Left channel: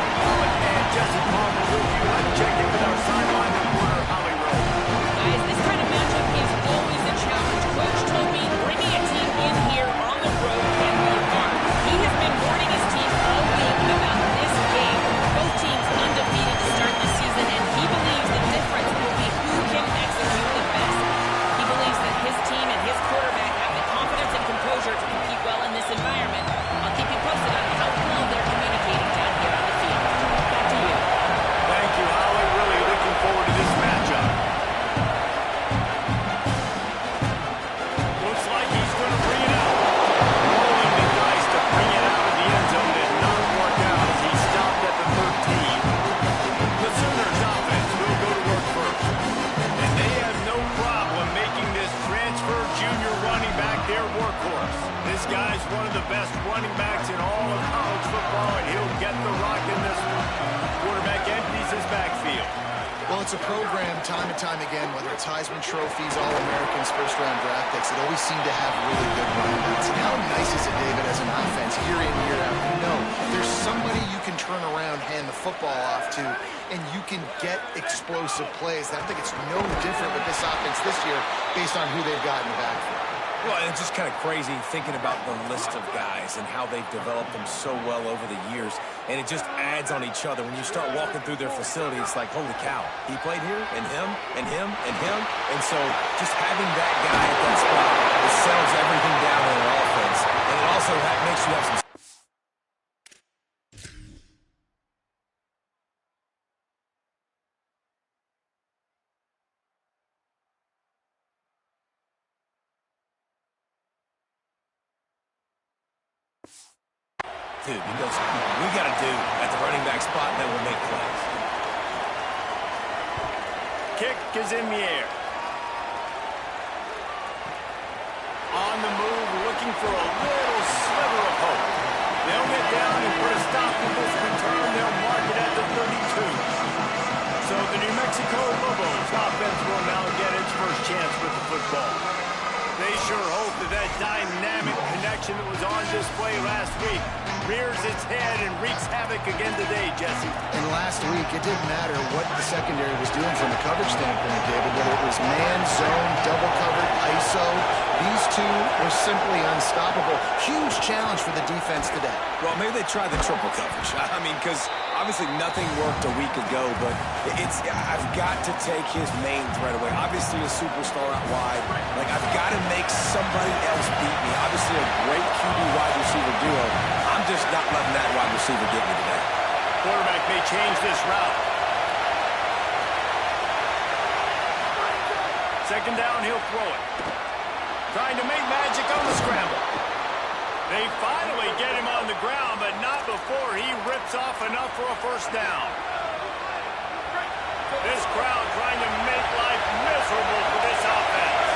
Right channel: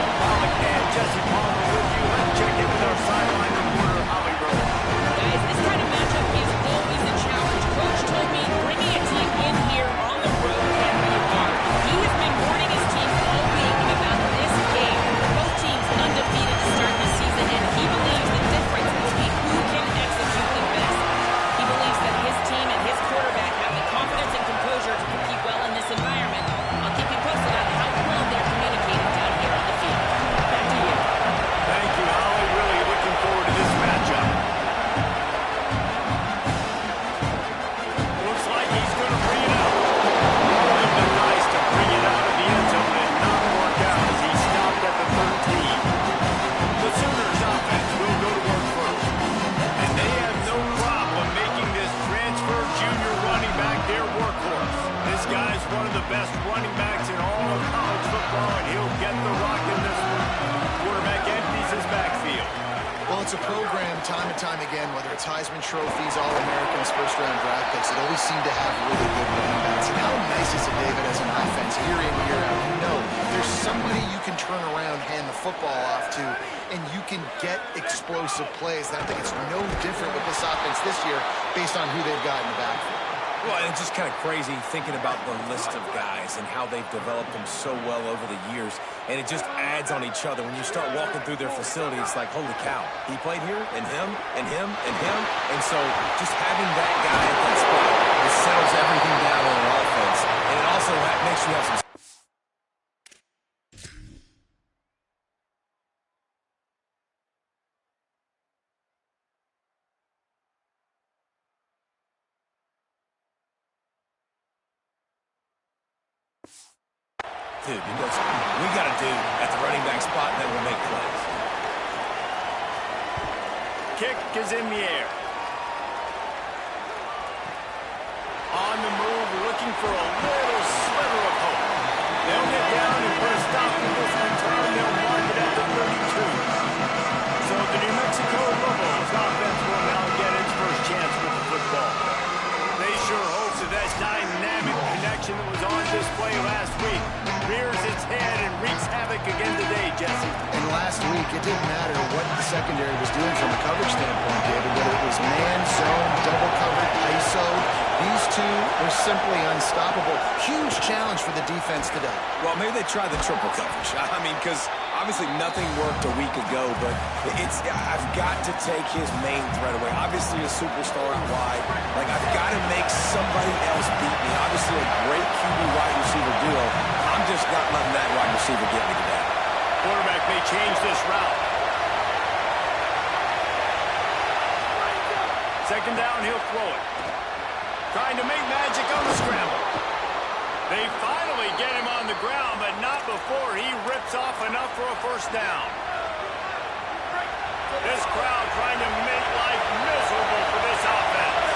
David Pollack and Jesse Palmer with you. Let's check in with our sideline reporter, Holly Rowe. Guys, this kind of matchup is always a challenge. Coach told me bringing a team in here on the road can be hard. He has been warning his team all week about this game. Both teams undefeated to start this season, and he believes the difference will be who can execute the best. He believes that his team and his quarterback have the confidence and composure to compete well in this environment. I'll keep you posted on how well they're communicating down here on the field. Back to you. Thank you, Holly. Really looking forward to this matchup. Looks like he's going to bring it out. Rolling the dice to bring it out of the end zone and not work out as he stopped at the 13. The Sooners offense will go to work first. And they have no problem making this transfer junior running back their workhorse. This guy's one of the best running backs in all of college football, and he'll get the rock in this one. Quarterback empties his backfield. Well, it's a program time and time again, whether it's Heisman trophies, All-Americans, first-round draft picks, it always seemed to have really good running backs. And how nice is it, David, as an offense, year in, year out? You know, there's somebody you can turn around, hand the football off to, and you can get explosive plays. And I think it's no different with this offense this year based on who they've got in the backfield. Well, and it's just kind of crazy thinking about the list of guys and how they've developed them so well over the years. And it just adds on each other. When you start walking through their facility, it's like, holy cow, he played here, and him, and him, and him. And so just having that guy at that spot, it settles everything down in an offense. And it also makes you have some... Dude, because we got a dude at the running back spot that will make plays. Kick is in the air. On the move, looking for a little sliver of hope. They'll get down and put a stop to this return. They'll mark it at the 32. So the New Mexico Lobos offense will now get its first chance with the football. They sure hope that dynamic connection that was on display last week rears its head and wreaks havoc again today, Jesse. And last week, it didn't matter what the secondary was doing from a coverage standpoint, David, whether it was man, zone, double covered, ISO. These two were simply unstoppable. Huge challenge for the defense today. Well, maybe they try the triple coverage. I mean, because obviously nothing worked a week ago, but I've got to take his main threat away. Obviously a superstar out wide. Like, I've got to make somebody else beat me. Obviously a great QB wide receiver duo. I'm just not letting that wide receiver get me today. Quarterback may change this route. Second down, he'll throw it. Trying to make magic on the scramble. They finally get him on the ground, but not before he rips off enough for a first down. This crowd trying to make life miserable for this offense.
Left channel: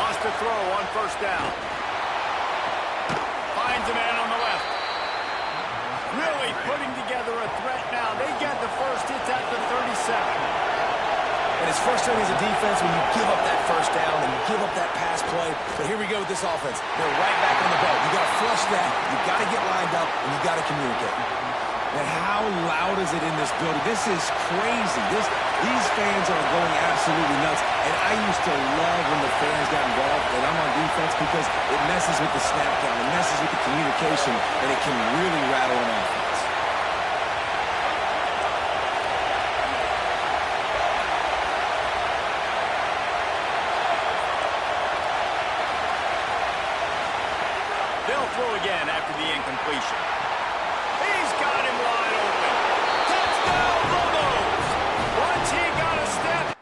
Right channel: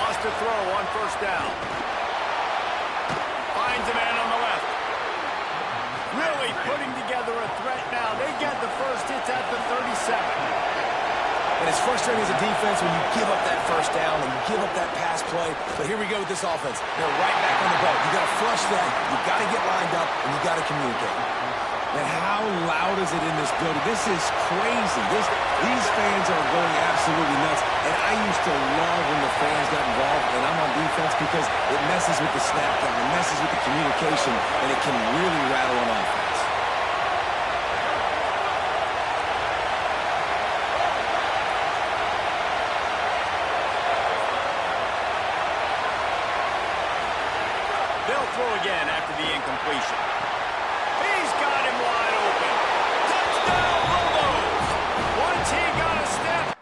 Lost a throw on first down. Finds a man on the left. Really putting together a threat now. They get the first. It's at the 37. And it's frustrating as a defense when you give up that first down and you give up that pass play. But here we go with this offense. They're right back on the boat. You got to flush that. You got to get lined up, and you got to communicate. And how loud is it in this building? This is crazy. These fans are going absolutely nuts. And I used to love when the fans got involved, and I'm on defense, because it messes with the snap count, it messes with the communication, and it can really rattle an offense. They'll throw again after the incompletion. He's got him wide open. Touchdown, Lobos! Once he got a step.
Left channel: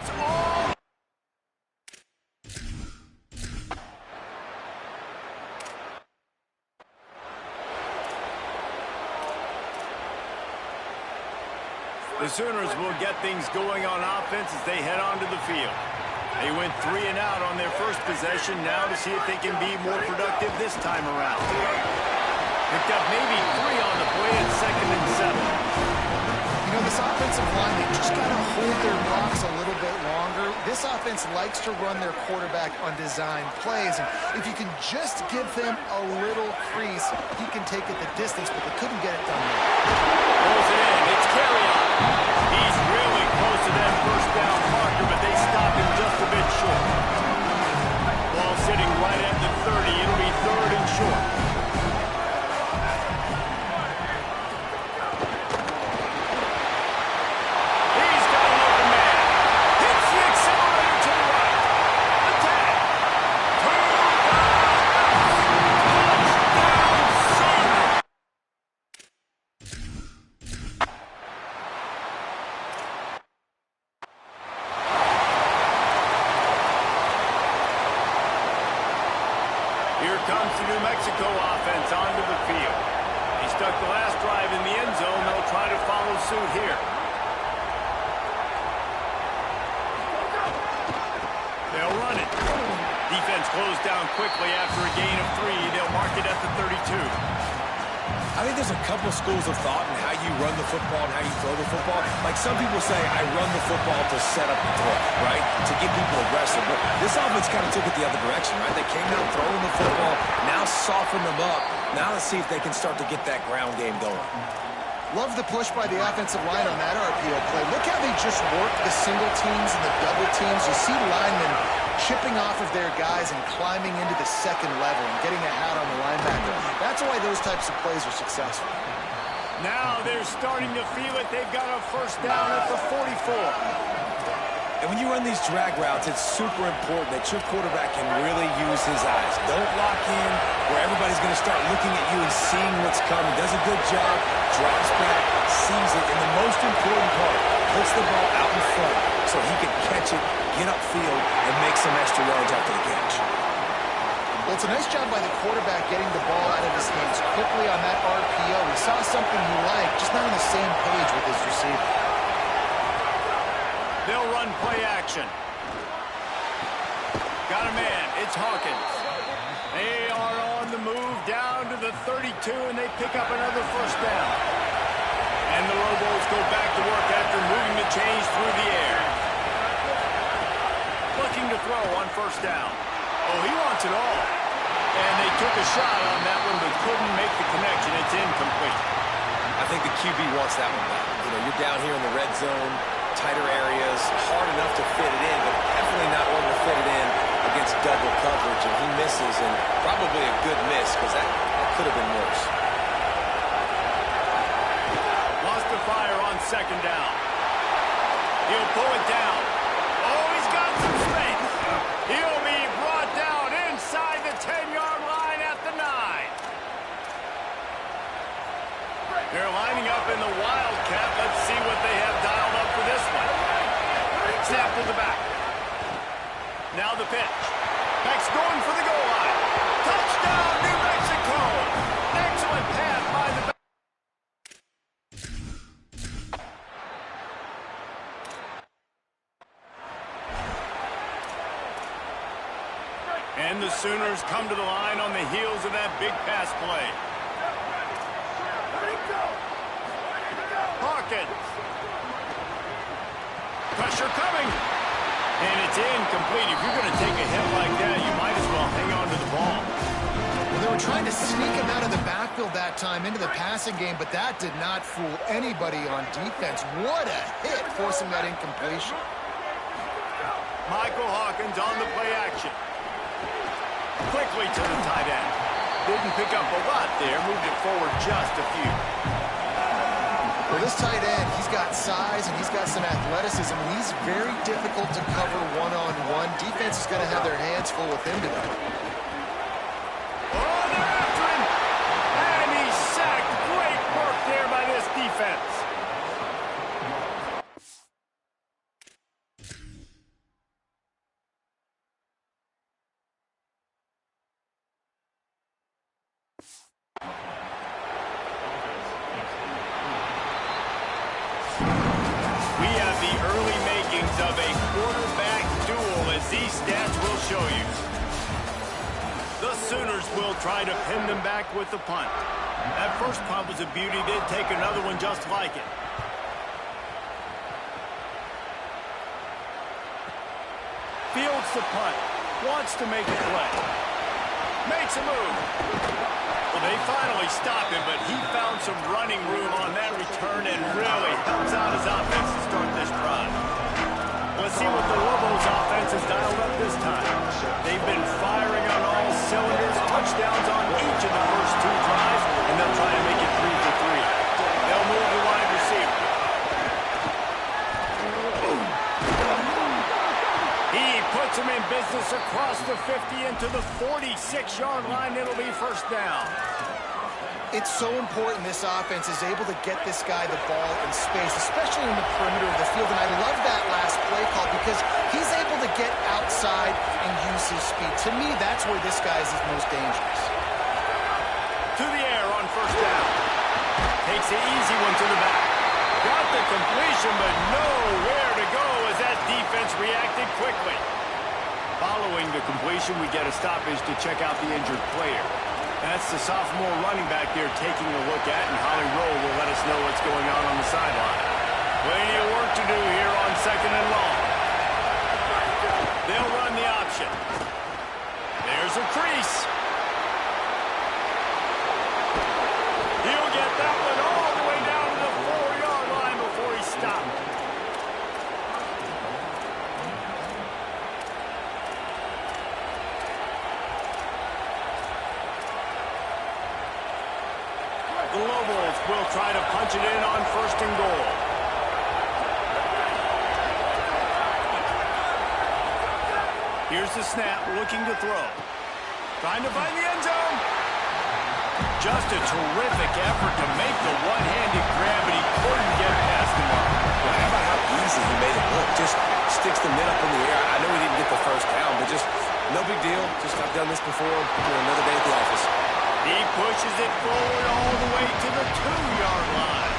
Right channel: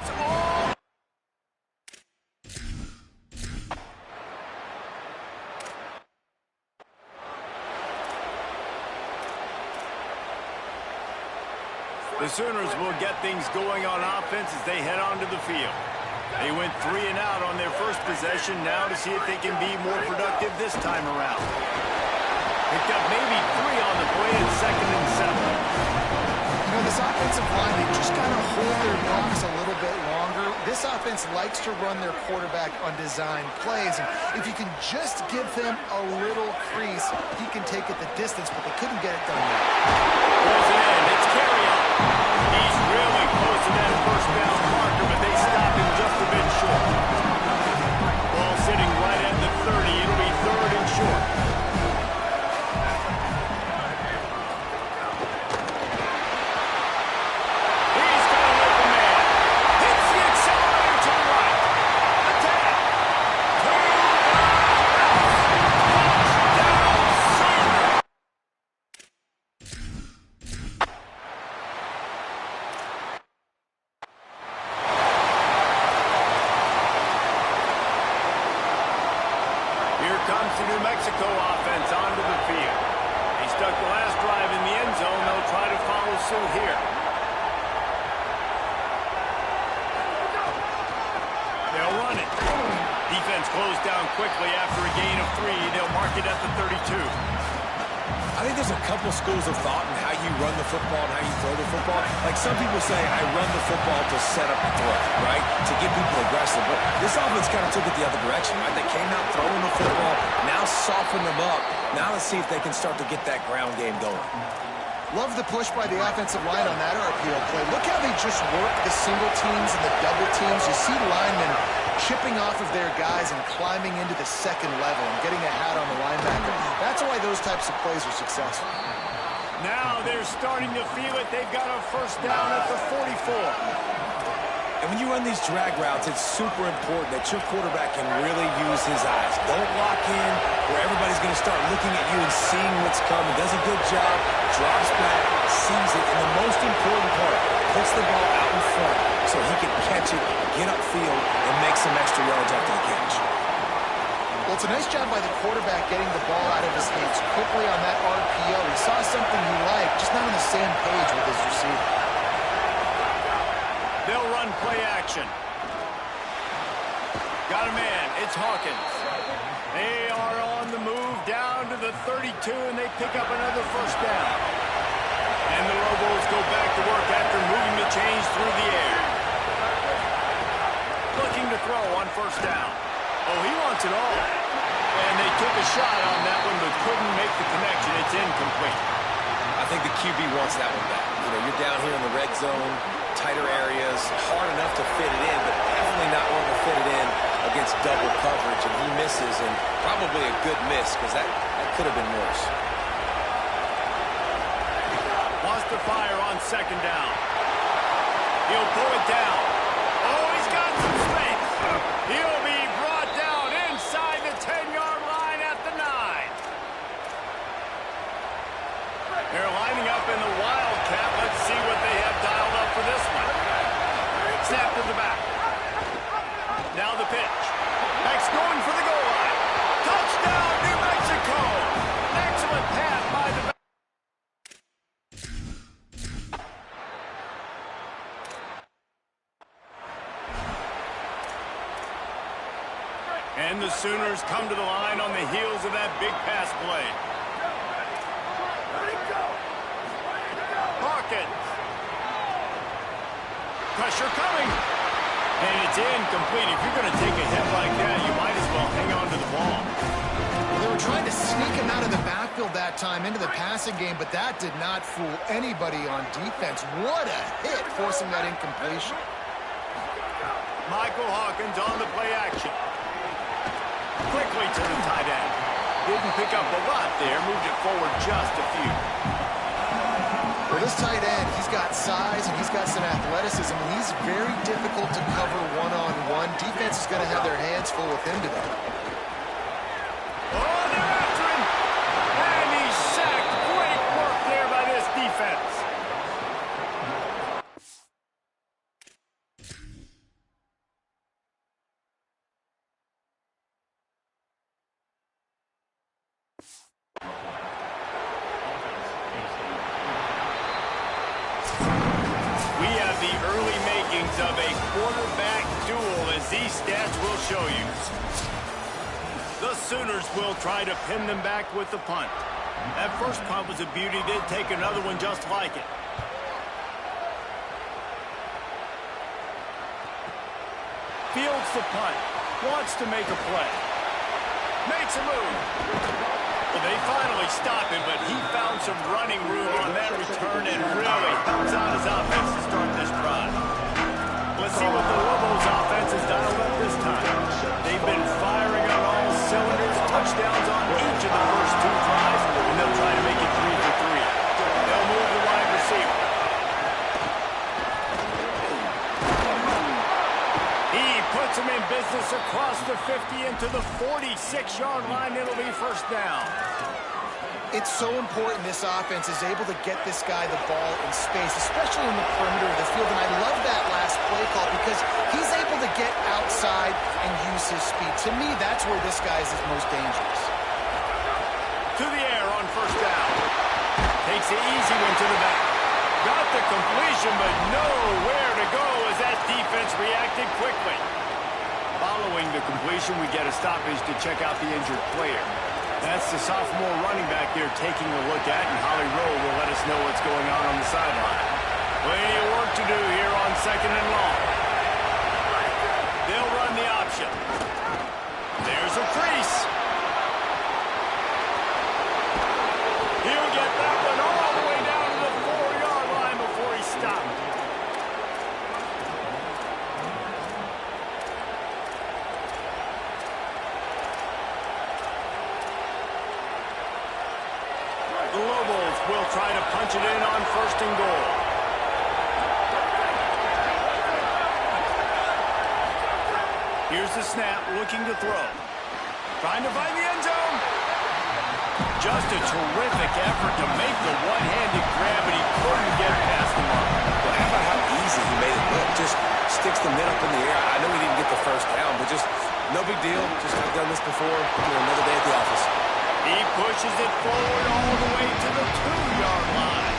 It's all. The Sooners will get things going on offense as they head onto the field. They went 3 and out on their first possession. Now to see if they can be more productive this time around. Picked up maybe 3 on the play at 2nd and 7. You know, this offensive line, they just got to hold their blocks a little bit longer. This offense likes to run their quarterback on design plays. And if you can just give him a little crease, he can take it the distance, but they couldn't get it done there. Pulls it in. It's Carrion. He's really close to that first down marker, but they stopped him just a bit short. Ball sitting right at the 30. It'll be 3rd and short. Here comes the New Mexico offense onto the field. They stuck the last drive in the end zone. They'll try to follow suit here. They'll run it. Defense closed down quickly after a gain of 3. They'll mark it at the 32. I think there's a couple schools of thought in how you run the football and how you throw the football. Like some people say, I run the football to set up the throw, right? To get people aggressive. But this offense kind of took it the other direction, right? They came out throwing the football, now soften them up. Now let's see if they can start to get that ground game going. Love the push by the offensive line on that RPO play. Look how they just work the single teams and the double teams. You see linemen chipping off of their guys and climbing into the second level and getting a hat on the linebacker. That's why those types of plays are successful. Now they're starting to feel it. They've got a first down at the 44. And when you run these drag routes, it's super important that your quarterback can really use his eyes. Don't lock in where everybody's going to start looking at you and seeing what's coming. Does a good job, drops back, sees it, and the most important part, puts the ball out in front so he can catch it, get upfield, and make some extra yards after the catch. Well, it's a nice job by the quarterback getting the ball out of his hands quickly on that RPO. He saw something he liked, just not on the same page with his receiver. They'll run play action. Got a man. It's Hawkins. They are on the move down to the 32, and they pick up another first down. And the Lobos go back to work after moving the chains through the air. Looking to throw on first down. Oh, he wants it all. And they took a shot on that one, but couldn't make the connection. It's incomplete. I think the QB wants that one back. You know, you're down here in the red zone, tighter areas, hard enough to fit it in, but definitely not one to fit it in against double coverage, and he misses, and probably a good miss, because that could have been worse. Wants to fire on second down. He'll pull it down. Oh, he's got some space. He'll be brought down inside the 10-yard line at the 9. They're lining up in the Wildcat. Let's see what they have dialed up for this one. Snap to the back. Now the pitch. Beck's going for the goal line. Touchdown, New Mexico. Excellent pass by the back. And the Sooners come to the line on the heels of that big pass play. Hawkins. Pressure coming. And it's incomplete. If you're going to take a hit like that, you might as well hang on to the ball. Well, they were trying to sneak him out of the backfield that time into the passing game, but that did not fool anybody on defense. What a hit, forcing that incompletion. Michael Hawkins on the play action. Quickly to the tight end. Didn't pick up a lot there. Moved it forward just a few. Well, this tight end, he's got size and he's got some athleticism, and he's very difficult to cover one-on-one. Defense is going to have their hands full with him today. Oh, they're after him. And he's sacked. Great work there by this defense. We have the early makings of a quarterback duel, as these stats will show you. The Sooners will try to pin them back with the punt. That first punt was a beauty. They'd take another one just like it. Fields the punt. Wants to make a play. Makes a move. Well, they finally stop him, but he found some running room on that return and really helps out his offense to start this drive. Let's see what the Lobos offense has dialed up this time. They've been firing on all cylinders, touchdowns on each of the first two drives, and they'll try to make it 3 for 3. They'll move the wide receiver. He puts him in business across the 50 into the 46-yard line. It'll be first down. It's so important this offense is able to get this guy the ball in space, especially in the perimeter of the field. And I love that last play call because he's able to get outside and use his speed. To me, that's where this guy is his most dangerous. To the air on first down. Takes the easy one to the back. Got the completion, but nowhere to go as that defense reacted quickly. Following the completion, we get a stoppage to check out the injured player. That's the sophomore running back there taking a look at, and Holly Rowe will let us know what's going on the sideline. Plenty of work to do here on 2nd and long. They'll run the option. There's a crease. He'll get that one all the way down to the 4-yard line before he stopped. The Lobos will try to punch it in on 1st and goal. Here's the snap, looking to throw. Trying to find the end zone. Just a terrific effort to make the one-handed grab, but he couldn't get past the mark. Well, how about how easy he made it look? Just sticks the mitt up in the air. I know he didn't get the first down, but just no big deal. Just I've done this before. Another day at the office. He pushes it forward all the way to the 2-yard line.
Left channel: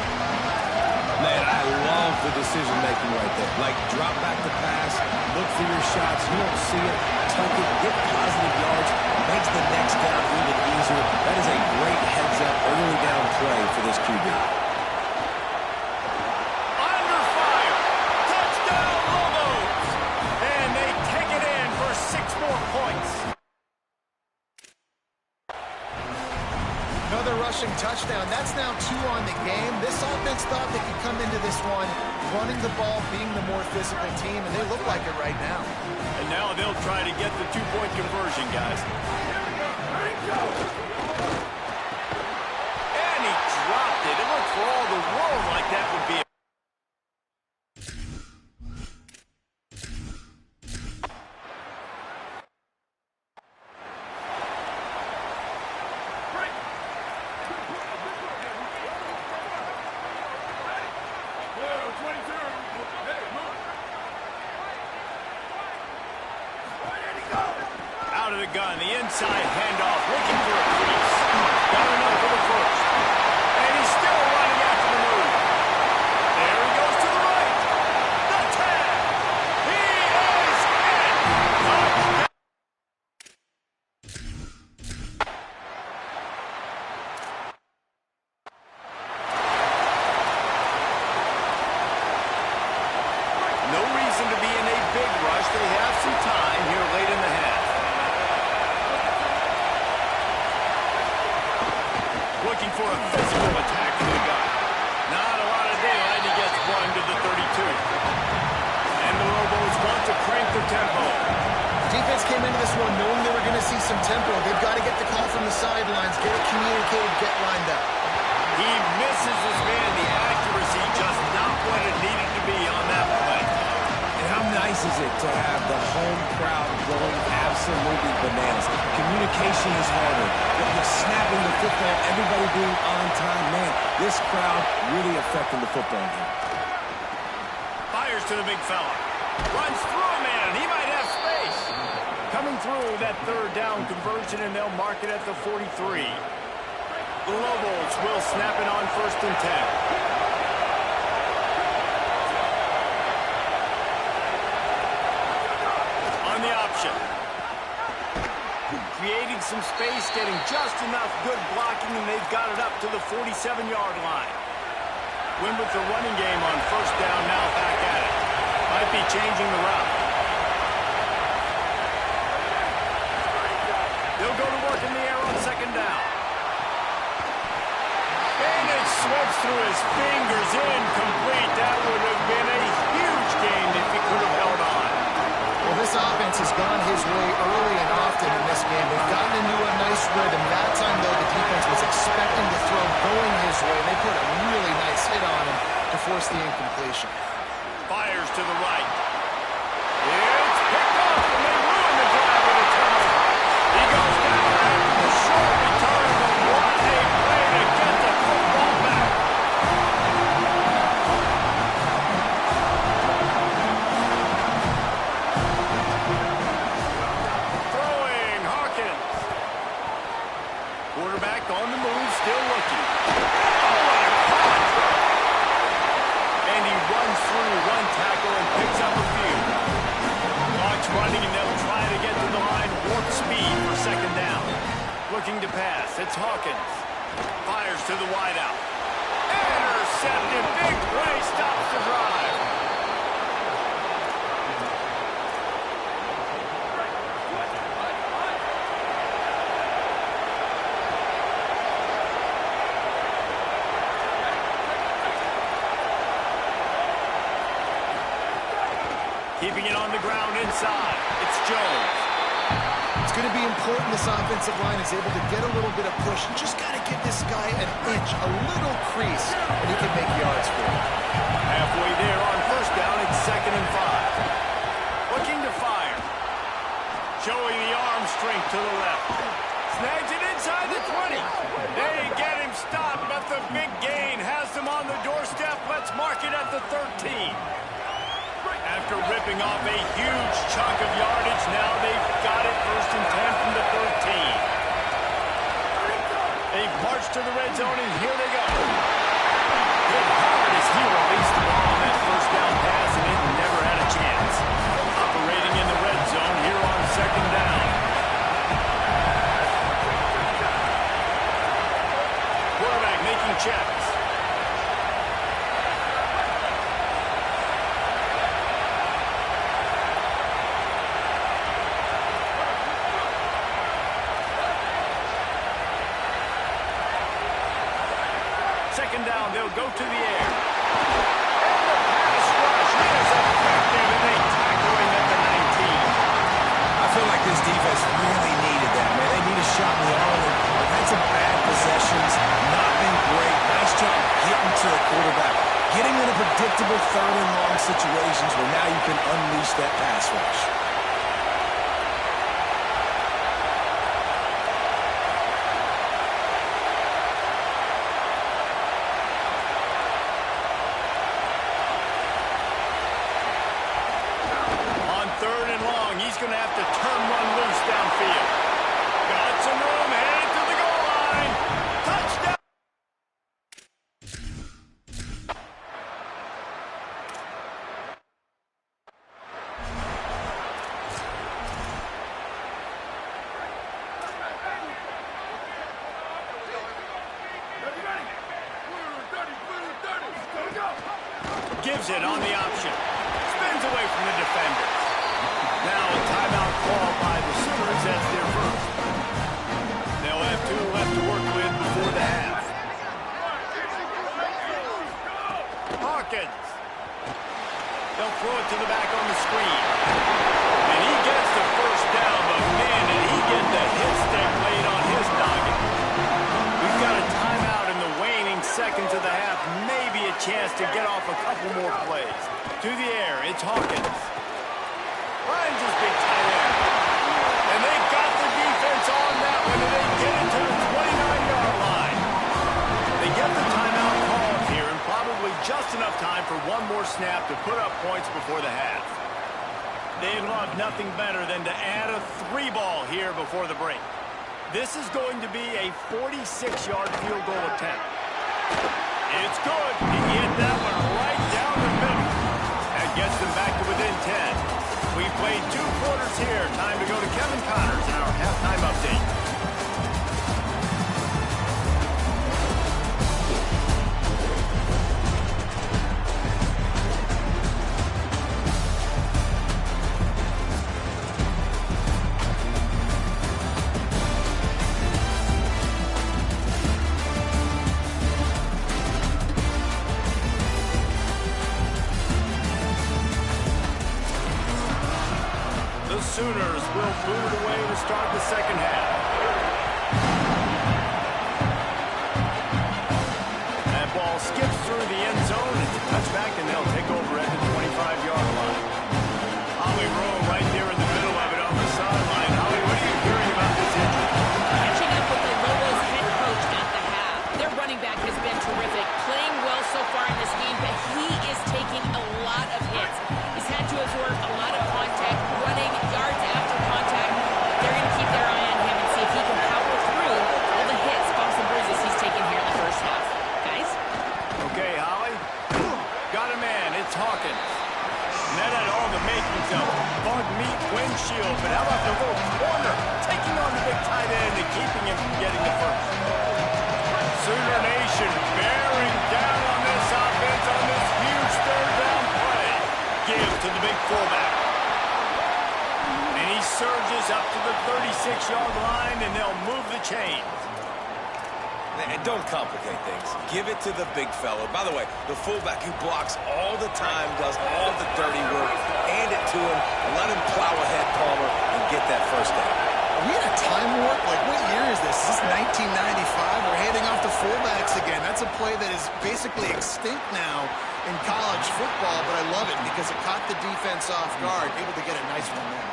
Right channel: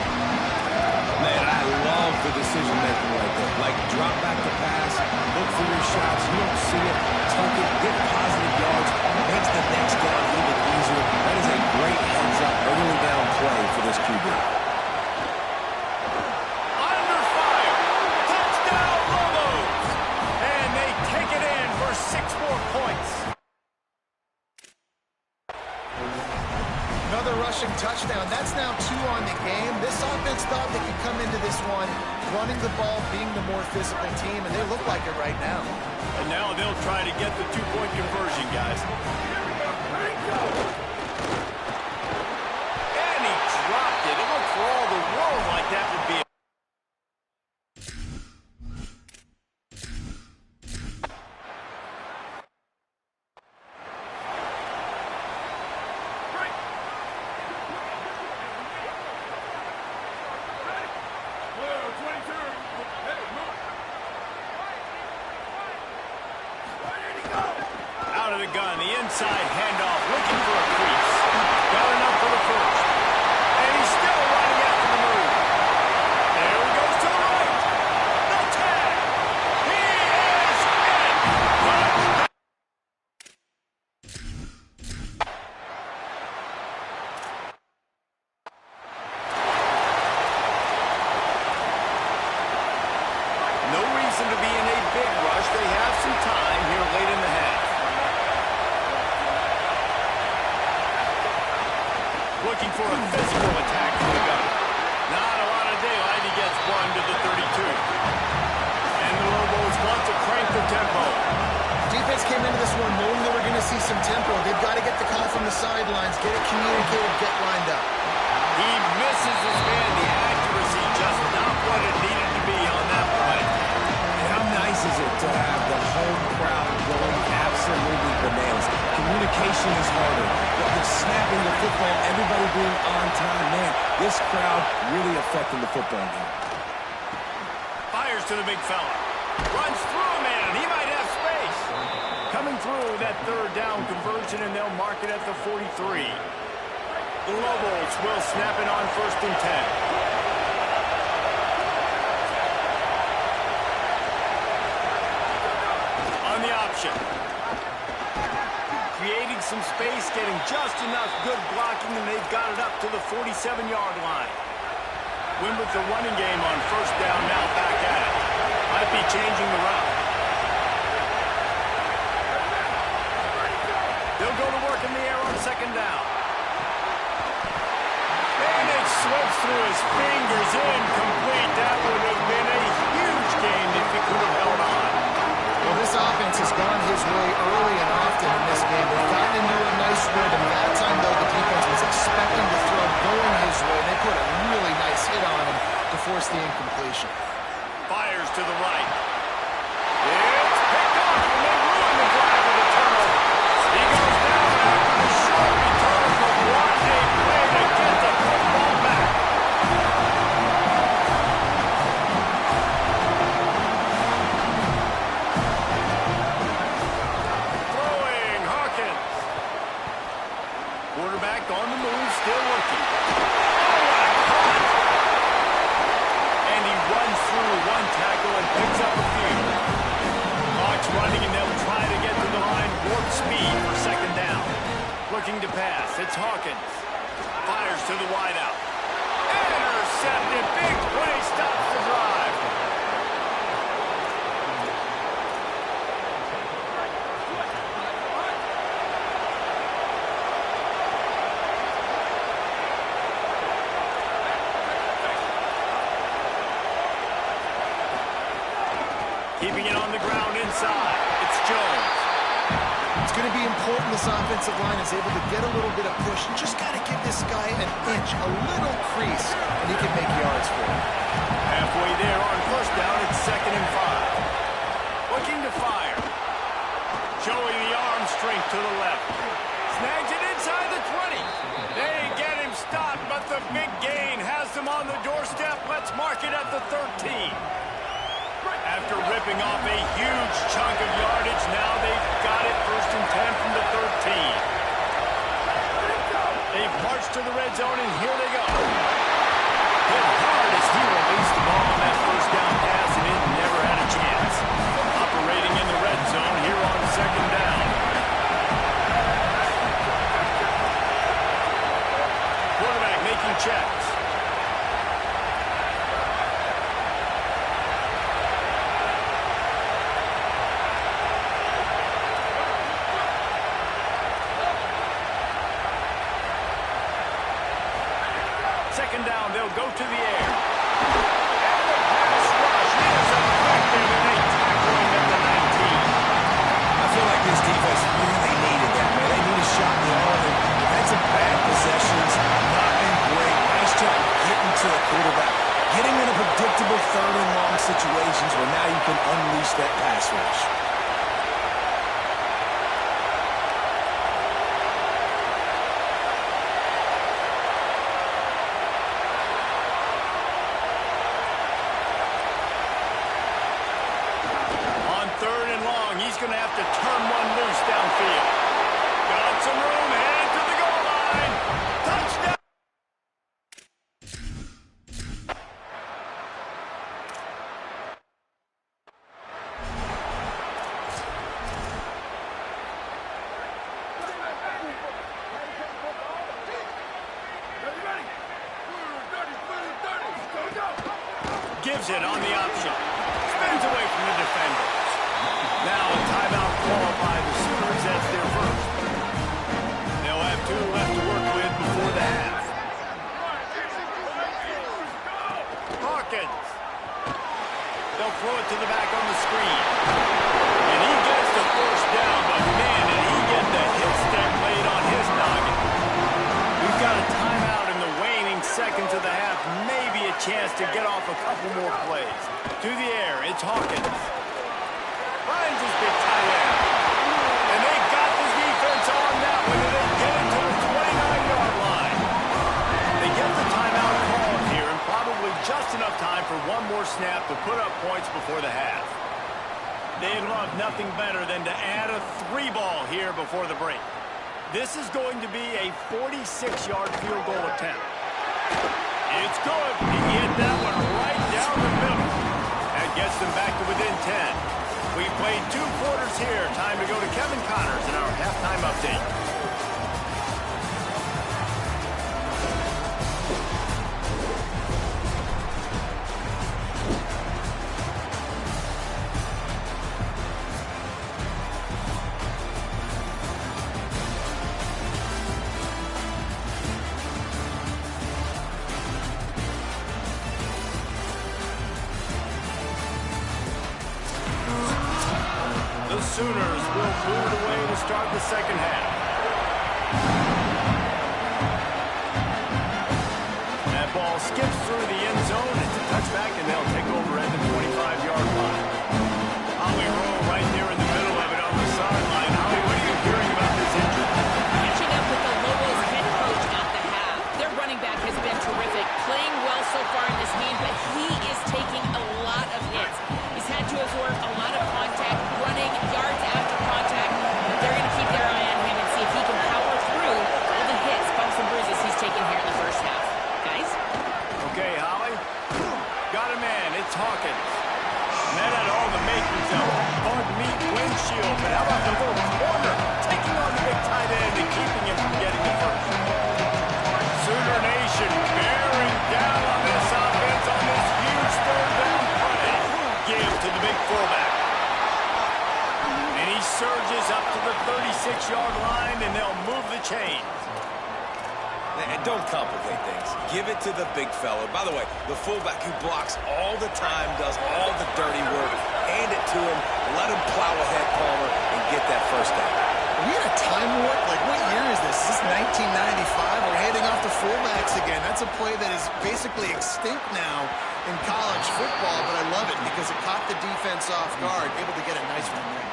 Man, I love the decision-making right there. Like, drop back to pass, look for your shots. You don't see it, tuck it, get positive yards, makes the next down even easier. That is a great heads-up, early down play for this QB. Under fire. Touchdown, Lobos. And they take it in for 6 more points. Another rushing touchdown. That's now 2 on the game. This offense thought they could come into this one running the ball, being the more physical team, and they look like it right now. And now they'll try to get the 2-point conversion, guys. And he dropped it. It looked for all the world like that would be a out of the gun, the inside handoff, looking for a crease. Got enough for the first. And he's still running after the move. There he goes to the right. The tag. He is in. Touchdown. No reason to be in a big rush. They have some time here late in the half. Looking for a physical attack from the gun. Not a lot of daylight. He gets one to the 32. And the Lobos want to crank the tempo. Defense came into this one knowing they were going to see some tempo. They've got to get the call from the sidelines, get it communicated, get lined up. He misses his man. The accuracy just not what it needed to be on that play. And how nice is it to have the home crowd going absolutely bananas? Communication is harder. The snapping the football, everybody being on time. Man, this crowd really affecting the football game. Fires to the big fella. Runs through a man. He might have space. Coming through that 3rd down conversion, and they'll mark it at the 43. The Lobos will snap it on 1st and 10. option. Creating some space, getting just enough good blocking, and they've got it up to the 47-yard line. Win with the running game on first down, now back at it. Might be changing the route. They'll go to work in the air on second down. And it slips through his fingers, incomplete. That would have been a huge gain if he could have held on. Well, this offense has gone his way early and often in this game. They've gotten into a nice rhythm. That time, though, the defense was expecting the throw going his way. They put a really nice hit on him to force the incompletion. Fires to the right. It's picked off, and they ruin the drive with a turnover. He goes down after the short return, but what a play to get the football back. Throwing, Hawkins. Quarterback on the move, still looking. Oh, what a caught! And he runs through one tackle and picks up a few. Clock's running, and they'll try to get to the line, warp speed for second down. Looking to pass, it's Hawkins. Fires to the wideout. Intercepted, big play, stops the drive. Keeping it on the ground inside. It's Jones. It's going to be important this offensive line is able to get a little bit of push and just got to give this guy an inch, a little crease, and he can make yards for it. Halfway there on first down, it's 2nd and 5. Looking to fire. Showing the arm strength to the left. Snags it inside the 20. They get him stopped, but the big gain has them on the doorstep. Let's mark it at the 13. After ripping off a huge chunk of yardage, now they've got it 1st and 10 from the 13. They've marched to the red zone, and here they go. Hit hard as he released the ball on that first down pass, and it never had a chance. Operating in the red zone here on second down. Quarterback making checks. Second down, they'll go to the air. And the pass rush is effective, and they tackle him at the 19. I feel like this defense really needed that, man. They need a shot in the arm. They've had some bad possessions, not been great. Nice job getting to the quarterback, getting in a predictable 3rd and long situations where now you can unleash that pass rush. He's going to have to turn one loose downfield. Got some room, headed to the goal line. Touchdown! Gives it on the option. Spins away from the defender. Now a timeout call by the Sooners. That's their first. They'll have 2 left to work with before the half. Hawkins. They'll throw it to the back on the screen. And he gets the first down, but man, did he get the hit stick laid on his noggin. We've got a timeout in the waning seconds of the half. Maybe a chance to get off a couple more plays. To the air, it's Hawkins. Finds his big tight end. And they got the defense on that one, and they get it to the 29-yard line. They get the timeout called here, and probably just enough time for one more snap to put up points before the half. They'd love nothing better than to add a 3-ball here before the break. This is going to be a 46-yard field goal attempt. It's good. He hit that one right down the middle. That gets them back to within 10. We've played 2 quarters here. Time to go to Kevin Connors in our halftime update. The Sooners will move it away to start the second half. That ball skips through the end zone. It's a touchback, and they'll take over at the 25-yard line. Holly Rowe right there in the middle of it on the sideline. Holly, what are you hearing about this injury? Catching up with the Lobos head coach at the half. Their running back has been terrific, playing well so far in this game, but he is taking a lot of hits. He's had to absorb a lot of contact, running yards after contact. But they're going to keep their eye on him and see if he can power through all the hits, bumps, and bruises he's taken here in the first half. Guys? Okay, Holly. Got a man. It's Hawkins. And that had all the makings of bug meat windshield. But how about the little corner taking on the big tight end and keeping him from getting the first? Sooner Nation bearing down on this offense on this huge third down play. Give to the big fullback. And he surges up to the 36-yard line, and they'll move the chains. And don't complicate things. Give it to the big fella. By the way, the fullback who blocks all the time, does all the dirty work. Hand it to him, let him plow ahead, Palmer, and get that first down. Are we in a time warp? Like, what year is this? Is this 1995? We're handing off to fullbacks again. That's a play that is basically extinct now in college football, but I love it because it caught the defense off guard, able to get a nice one there.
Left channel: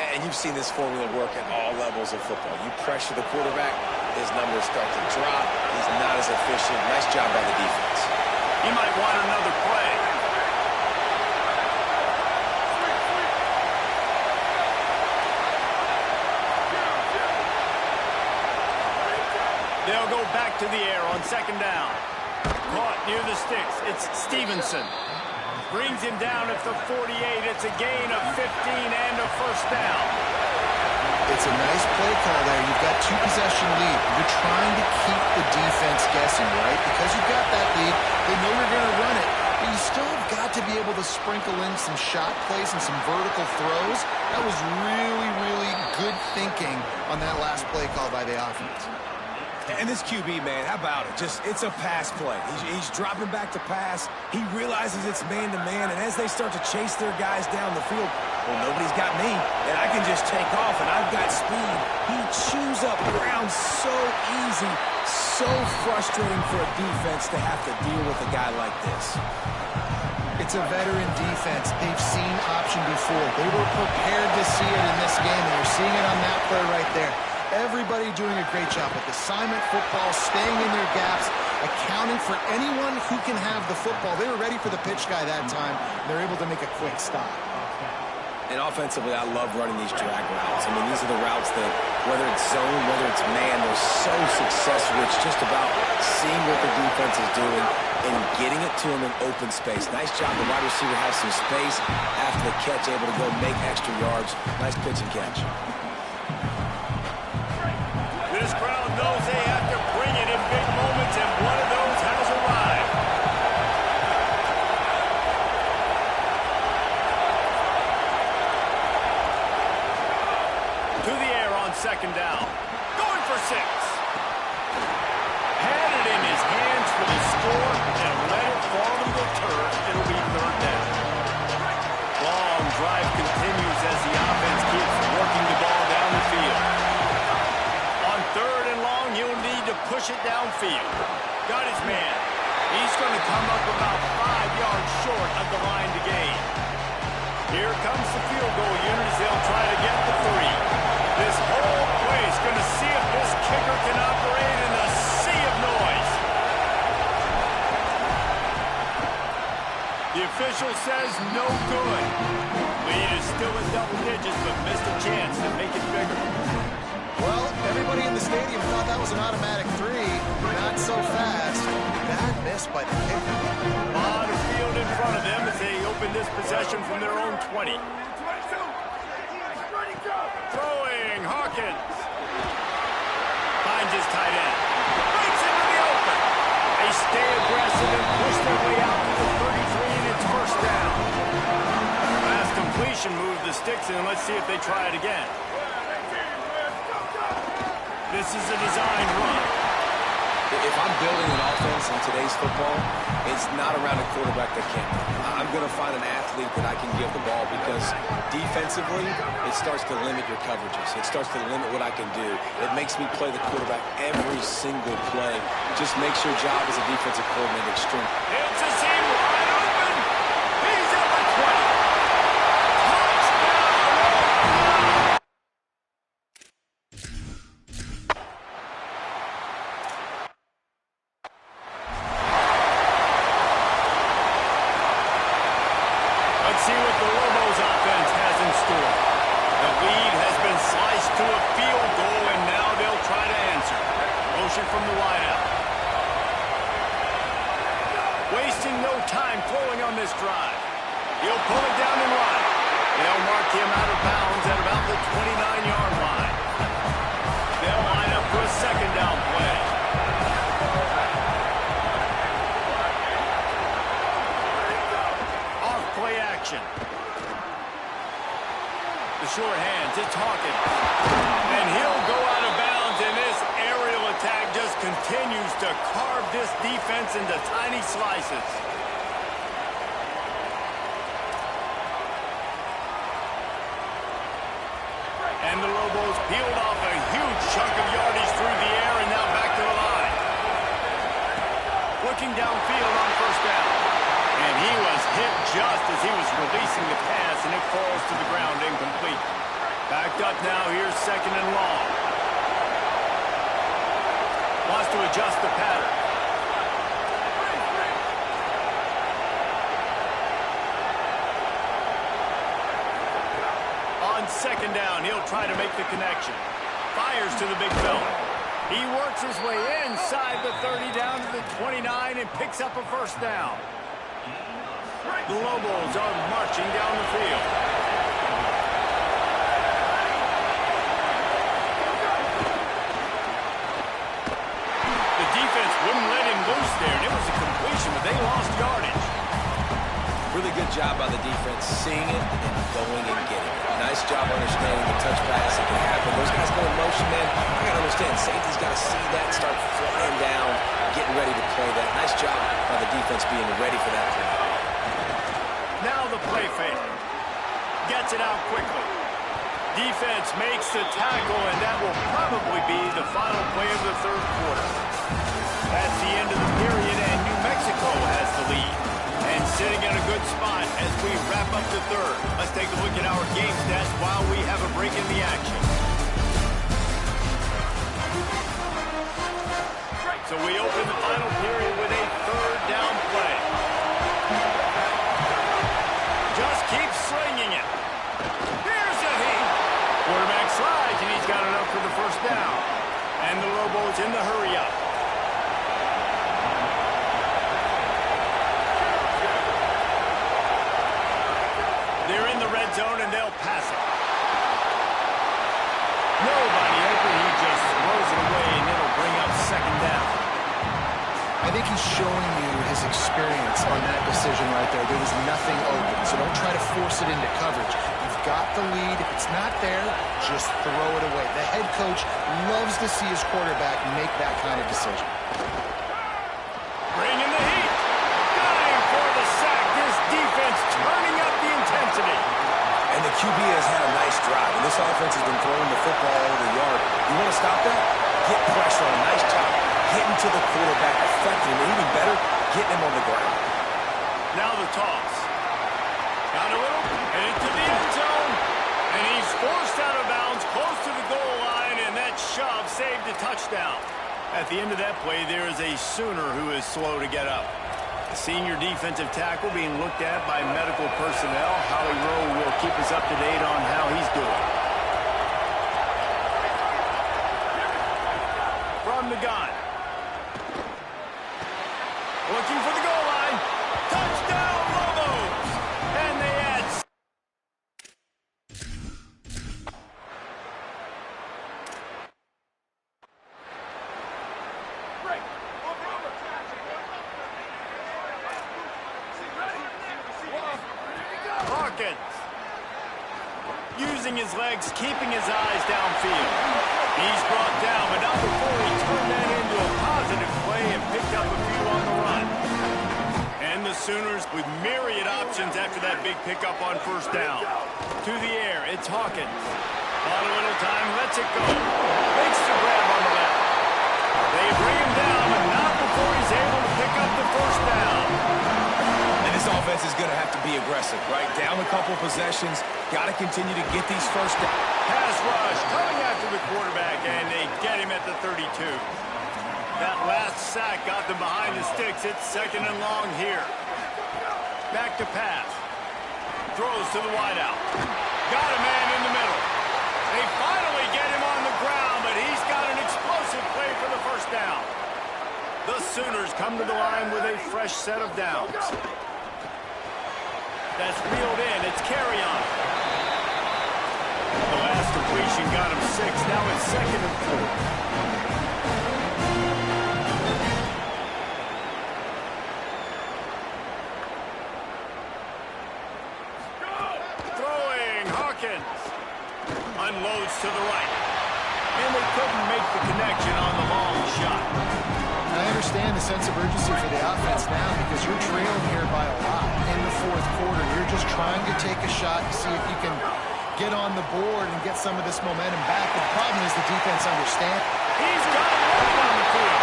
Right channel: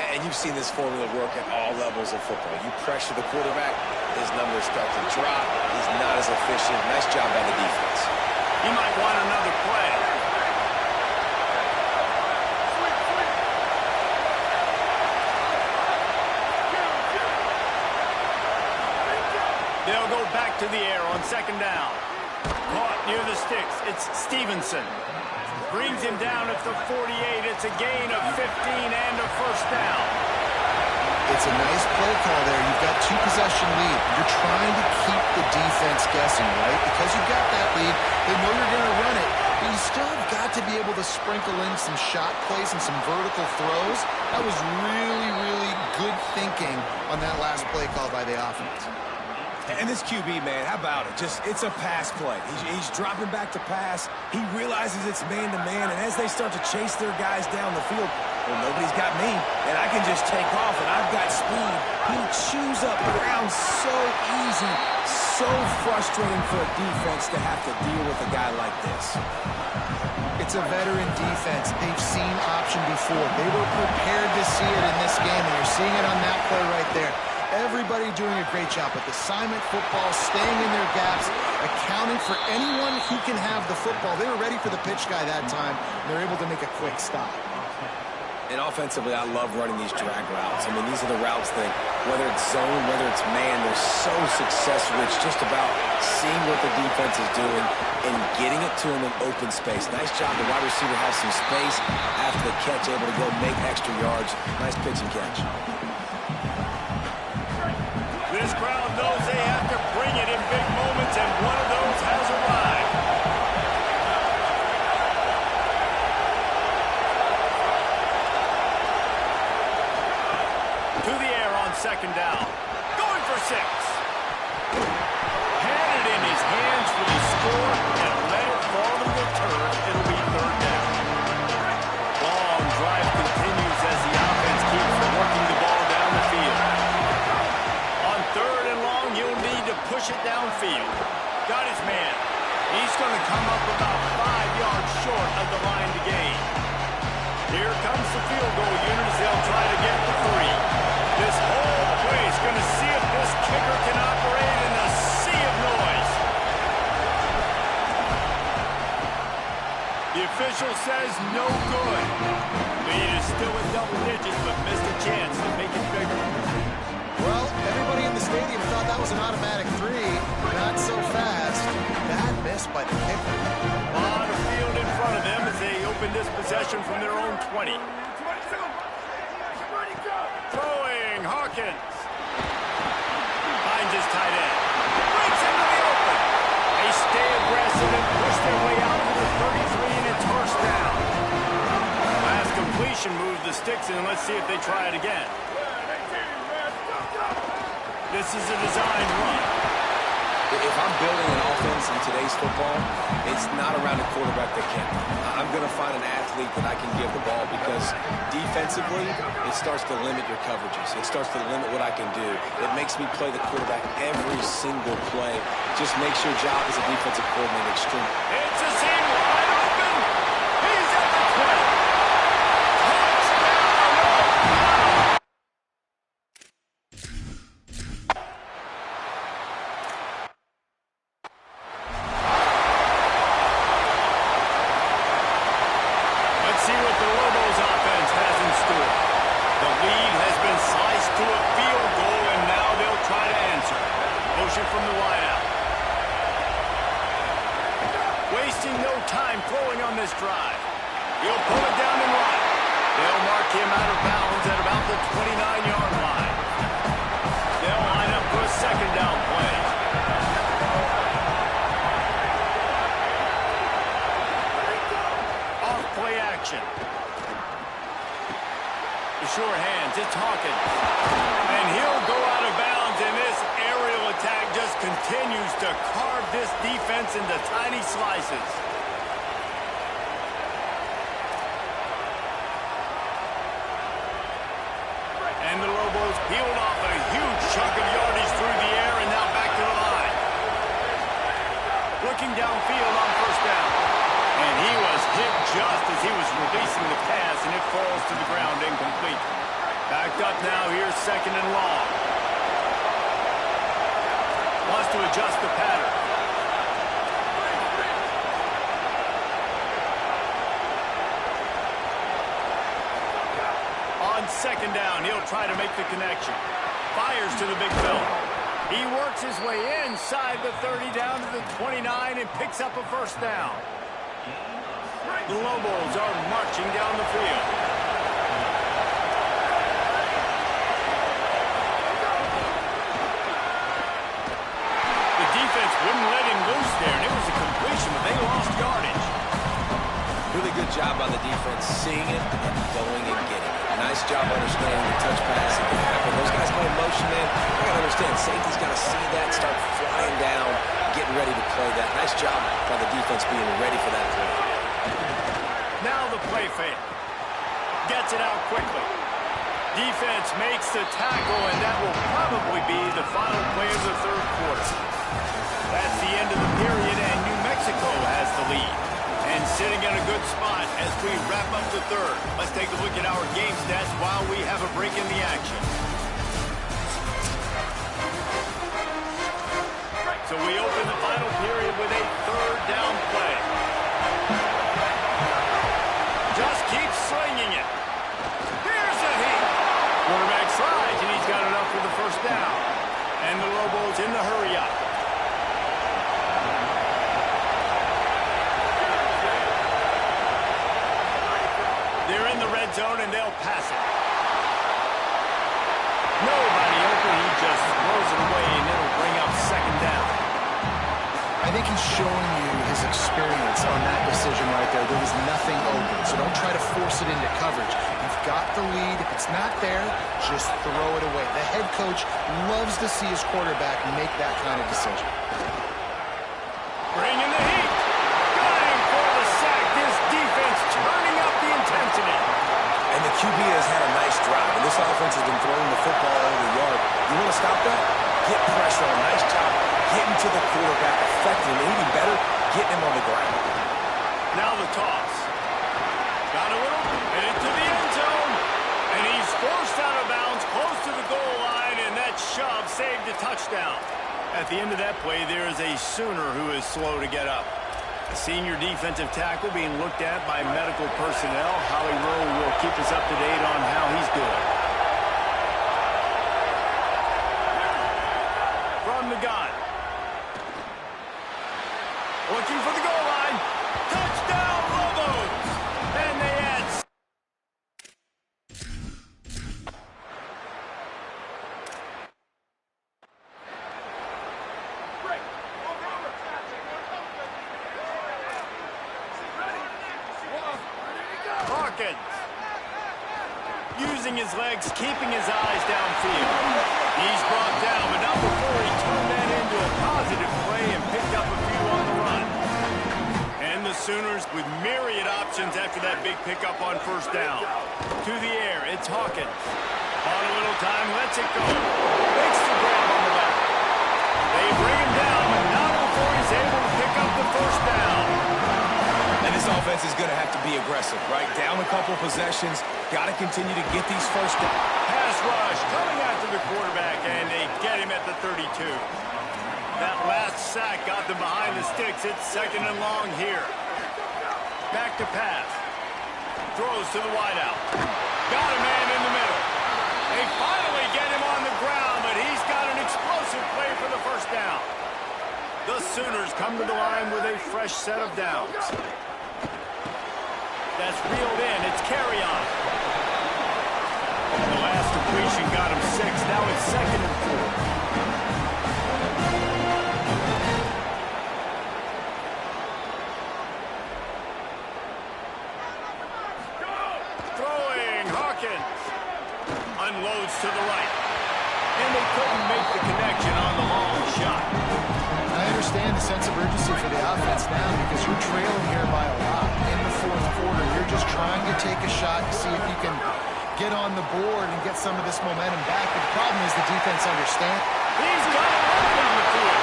And you've seen this formula work at all levels of football. You pressure the quarterback, his numbers start to drop. He's not as efficient. Nice job by the defense. He might want another play. They'll go back to the air on second down. Caught near the sticks. It's Stevenson. Brings him down at the 48. It's a gain of 15 and a first down. It's a nice play call there. You've got 2-possession lead. You're trying to keep the defense guessing, right? Because you've got that lead, they know you're going to run it, but you still have got to be able to sprinkle in some shot plays and some vertical throws. That was really, really good thinking on that last play call by the offense. And this QB, man, how about it? It's a pass play. He's dropping back to pass. He realizes it's man-to-man, and as they start to chase their guys down the field, well, nobody's got me, and I can just take off, and I've got speed. He chews up ground so easy, so frustrating for a defense to have to deal with a guy like this. It's a veteran defense. They've seen option before. They were prepared to see it in this game, and you're seeing it on that play right there. Everybody doing a great job with assignment football, staying in their gaps, accounting for anyone who can have the football. They were ready for the pitch guy that time. They're able to make a quick stop. And offensively, I love running these drag routes. I mean, these are the routes that, whether it's zone, whether it's man, they're so successful. It's just about seeing what the defense is doing and getting it to them in open space. Nice job. The wide receiver has some space after the catch, able to go make extra yards. Nice pitch and catch. This crowd knows they have to bring it in big moments, and one of those has arrived. To the air on second down. Going for 6. Had it in his hands for the score and let it fall to the turf. It'll be third down. Long drive continues as the offense keeps working the ball down the field. Third and long, he'll need to push it downfield. Got his man. He's going to come up about 5 yards short of the line to gain. Here comes the field goal unit as they'll try to get the 3. This whole place going to see if this kicker can operate in a sea of noise. The official says no good. Lead is still in double digits, but missed a chance to make it bigger. Well, Everybody in the stadium thought that was an automatic three. Not so fast. Bad miss by the kicker. A lot of field in front of them as they open this possession from their own 20. Throwing, Hawkins. Finds his tight end. Breaks into the open. They stay aggressive and push their way out to the 33, and it's first down. Last completion moved the sticks in. Let's see if they try it again. This is a designed run. If I'm building an offense in today's football, it's not around a quarterback that can't. I'm going to find an athlete that I can give the ball because defensively, it starts to limit your coverages. It starts to limit what I can do. It makes me play the quarterback every single play. Just makes your job as a defensive coordinator extreme. It's a seam wide open. He's at the 20. Touchdown, Oakland! Let's see what the Lobos offense has in store. The lead has been sliced to a field goal, and now they'll try to answer. Motion from the wideout. Wasting no time throwing on this drive. He'll pull it down and run. They'll mark him out of bounds at about the 29-yard line. They'll line up for a second down play. Play action. The short hands, it's Hawkins. And he'll go out of bounds, and this aerial attack just continues to carve this defense into tiny slices. And the Lobos peeled off a huge chunk of yardage through the air and now back to the line. Looking downfield on first down. And he was hit just as he was releasing the pass, and it falls to the ground incomplete. Backed up now, here's second and long. Wants to adjust the pattern. On second down, he'll try to make the connection. Fires to the big fella. He works his way inside the 30 down to the 29 and picks up a first down. The Lobos are marching down the field. The defense wouldn't let him loose there, and it was a completion, but they lost yardage. Really good job by the defense, seeing it and going and getting it. Nice job understanding the touch pass. It can happen. Those guys go in motion, man. I got to understand, safety's got to see that, start flying down, getting ready to play that. Nice job by the defense being ready for that play. Now the play fake. Gets it out quickly. Defense makes the tackle, and that will probably be the final play of the third quarter. That's the end of the period, and New Mexico has the lead. And sitting in a good spot as we wrap up the third. Let's take a look at our game stats while we have a break in the action. So we open the final period with a third down play. Just keep slinging it. Here's a heat. Quarterback slides, and he's got enough for the first down. And the Lobos in the hurry up. They're in the red zone, and they'll pass it. Nobody open. He just throws it away, and it'll bring up second down. I think he's showing you his experience on that decision right there. There was nothing open, so don't try to force it into coverage. You've got the lead. If it's not there, just throw it away. The head coach loves to see his quarterback make that kind of decision. Bringing the heat. Gunning for the sack. This defense turning up the intensity. And the QB has had a nice drive, and this offense has been throwing the football all over the yard. You want to stop that? Get pressure on. Nice job getting to the quarterback, affecting him, even better, getting him on the ground. Now the toss. Got a little, and into the end zone. And he's forced out of bounds, close to the goal line, and that shove saved a touchdown. At the end of that play, there is a Sooner who is slow to get up. A senior defensive tackle being looked at by medical personnel. Holly Rowe will keep us up to date on how he's doing. from the gun. Looking for the goal line. Touchdown, Lobos! And they add... Hawkins. Using his legs, keeping his eyes downfield. He's brought down, but not before he turned that into a positive play and picked up a few on the run. And the Sooners with myriad options after that big pickup on first down. To the air, it's Hawkins. Bought a little time, lets it go. Makes the grab on the left. They bring him down, but not before he's able to pick up the first down. And this offense is going to have to be aggressive, right? Down a couple possessions. Got to continue to get these first down. Pass rush coming after the quarterback, and they get him at the 32. That last sack got them behind the sticks. It's 2nd and long here. Back to pass. Throws to the wideout. Got a man in the middle. They finally get him on the ground, but he's got an explosive play for the first down. The Sooners come to the line with a fresh set of downs. That's reeled in. It's Carry-On. The last completion got him 6. Now it's 2nd and 4. Throwing, Hawkins. Unloads to the right. And they couldn't make the connection on the long shot. I understand the sense of urgency for the offense now because you're trailing here by a lot in the 4th quarter. You're just trying to take a shot to see if you can get on the board and get some of this momentum back. But the problem is the defense understands. He's got it right down the field.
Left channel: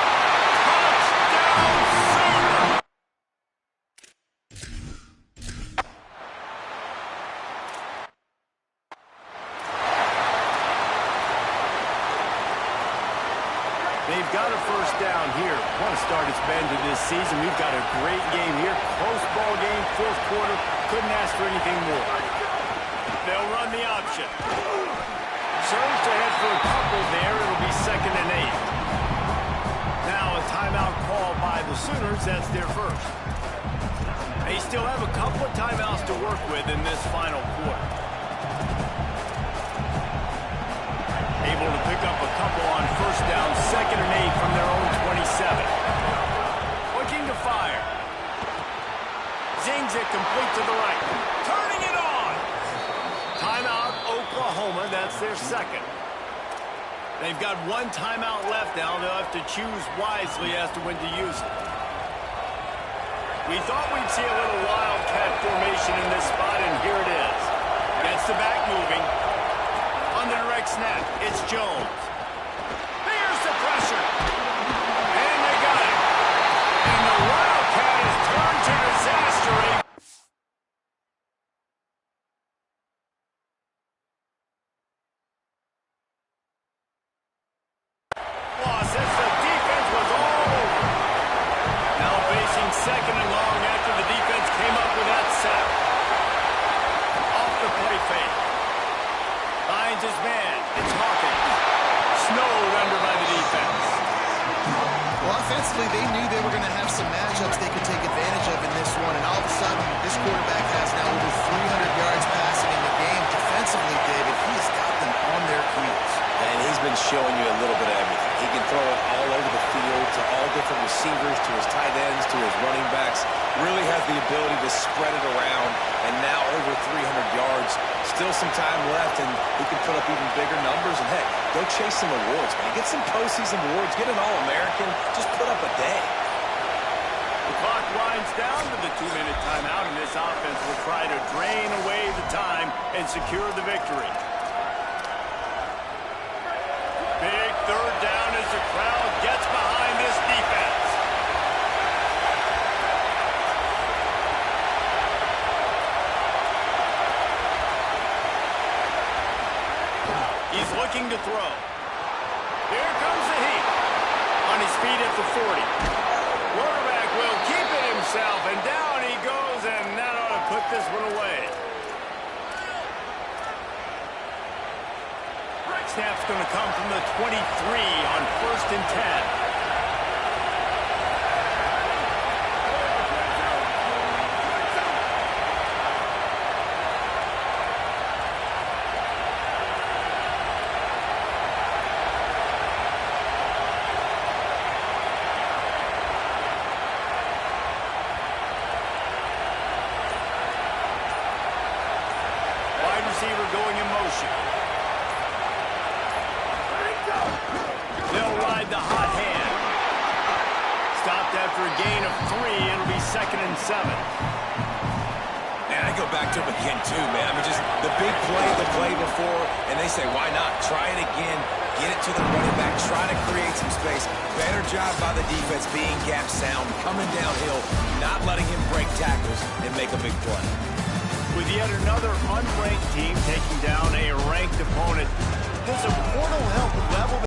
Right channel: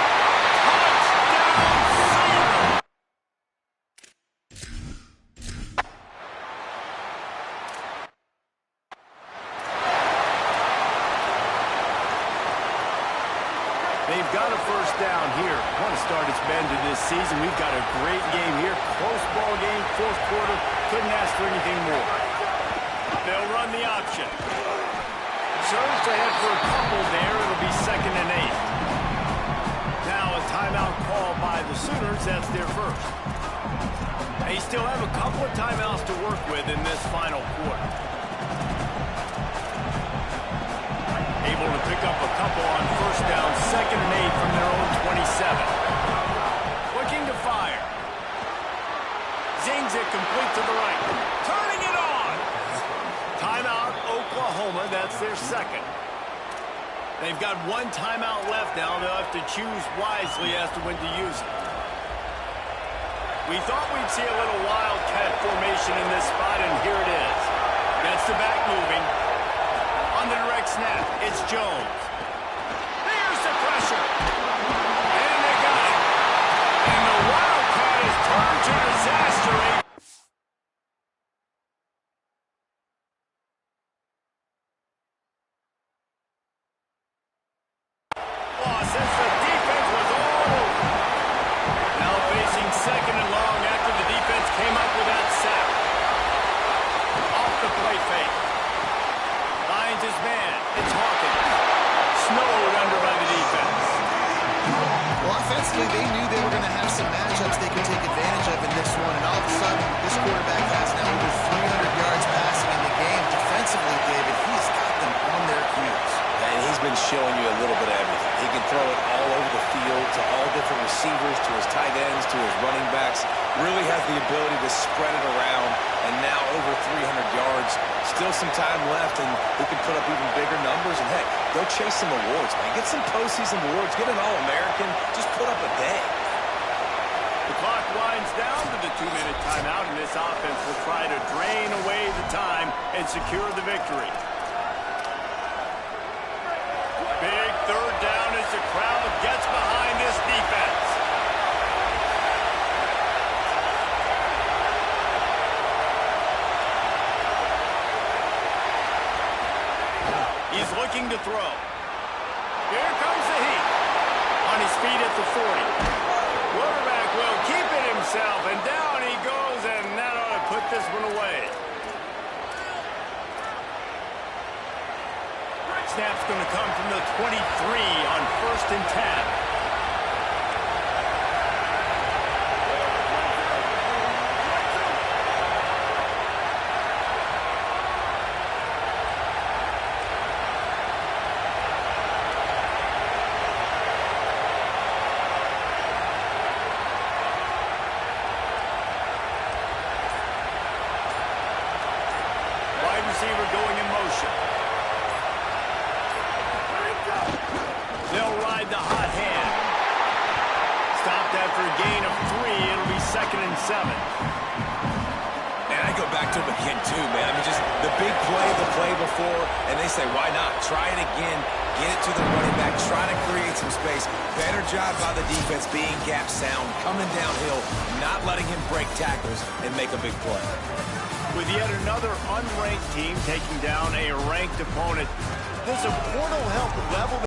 Touchdown, Sooner! They've got a first down here. What a start it's been to this season. We've got a great game here. Close ball game, 4th quarter. Couldn't ask for anything more. They'll run the option. Surge ahead for a couple there. It'll be 2nd and 8. Now a timeout call by the Sooners. That's their first. They still have a couple of timeouts to work with in this final quarter. Able to pick up a couple on first down, 2nd and 8 from their own 27. Looking to fire. Zings it complete to the right. Turning it on. Timeout, Oklahoma. That's their 2nd. They've got one timeout left now. They'll have to choose wisely as to when to use it. We thought we'd see a little wildcat formation in this spot, and here it is. Gets the back moving. On the direct snap, it's Jones. Here's the pressure. And they got it. And the Wildcat is turned to disaster. Loss as the defense was all over. Now facing 2nd and long after the defense came up with that sack. Off the play fake. Finds his man. It's Hawkins. Snowed under by the defense. Well, offensively, they knew they were going to have some matchups they could take advantage of in this one, and all of a sudden, this quarterback has now over 300 yards passing in the game. Defensively, David, he has got them on their heels. And he's been showing you a little bit of everything. He can throw it all over the field to all different receivers, to his tight ends, to his running backs. Really has the ability to spread it around, and now over 300 yards. Still some time left, and he can put up even bigger numbers. And, heck, go chase some awards, man. Get some postseason awards. Get an All-American. Just put up a day. The clock winds down to the 2-minute timeout, and this offense will try to drain away the time and secure the victory. Big 3rd down as the crowd gets behind this defense. He's looking to throw. Here comes the heat. On his feet at the 40. Quarterback will keep it himself, and down he goes, and that ought to put this one away. Snap's going to come from the 23 on 1st and 10. receiver going in motion. They'll ride the hot hand. Stopped after a gain of 3. It'll be 2nd and 7. And I go back to him again, too, man. I mean, just the big play, the play before, and they say, why not? Try it again. Get it to the running back. Try to create some space. Better job by the defense being gap sound, coming downhill, not letting him break tackles and make a big play. With yet another unranked team taking down a ranked opponent, there's a portal help level